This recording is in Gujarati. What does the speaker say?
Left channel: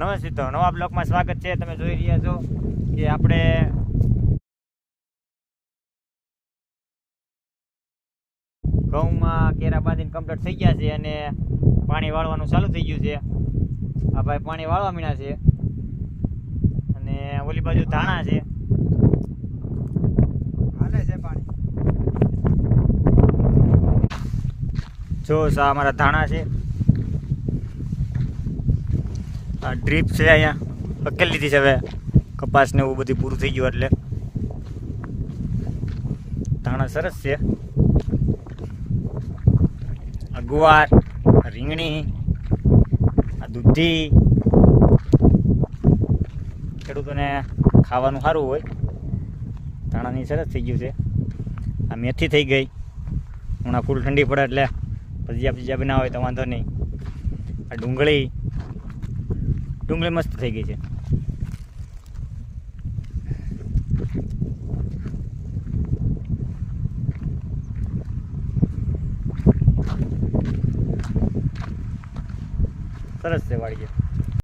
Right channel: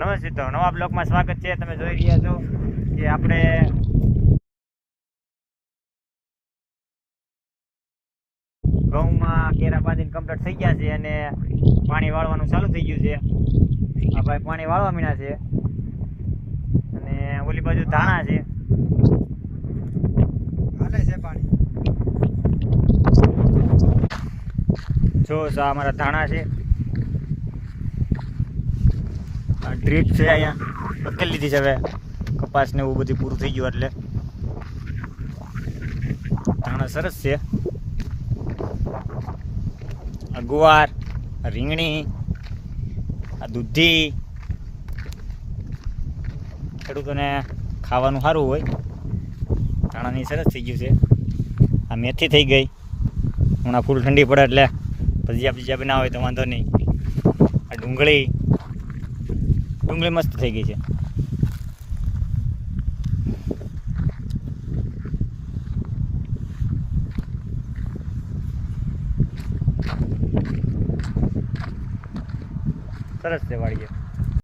નમસ્તે, તો નવા બ્લોગમાં સ્વાગત છે. તમે જોઈ રહ્યા છો કે આપણે ઘઉંમાં કેરા બાંધીને કમ્પ્લીટ થઈ ગયા છે અને પાણી વાળવાનું ચાલુ થઈ ગયું છે. આ ભાઈ પાણી વાળવા મીના છે અને ઓલી બાજુ ધાણા છે. હાલે છે પાણી. જો આ અમારા ધાણા છે. આ ડ્રીપ છે, અહીંયા પકડી લીધી છે. હવે કપાસ ને એવું બધું પૂરું થઈ ગયું એટલે ધાણા સરસ છે. આ ગુવાર, આ રીંગણી, આ દૂધી, ખેડૂતોને ખાવાનું સારું હોય. ધાણાની સરસ થઈ ગયું છે. આ મેથી થઈ ગઈ. હમણાં ફૂલ ઠંડી પડે એટલે ભજીયા બનાવ હોય તો વાંધો નહીં. આ ડુંગળી મસ્ત થઈ ગઈ છે. સરસ છે વાડીએ.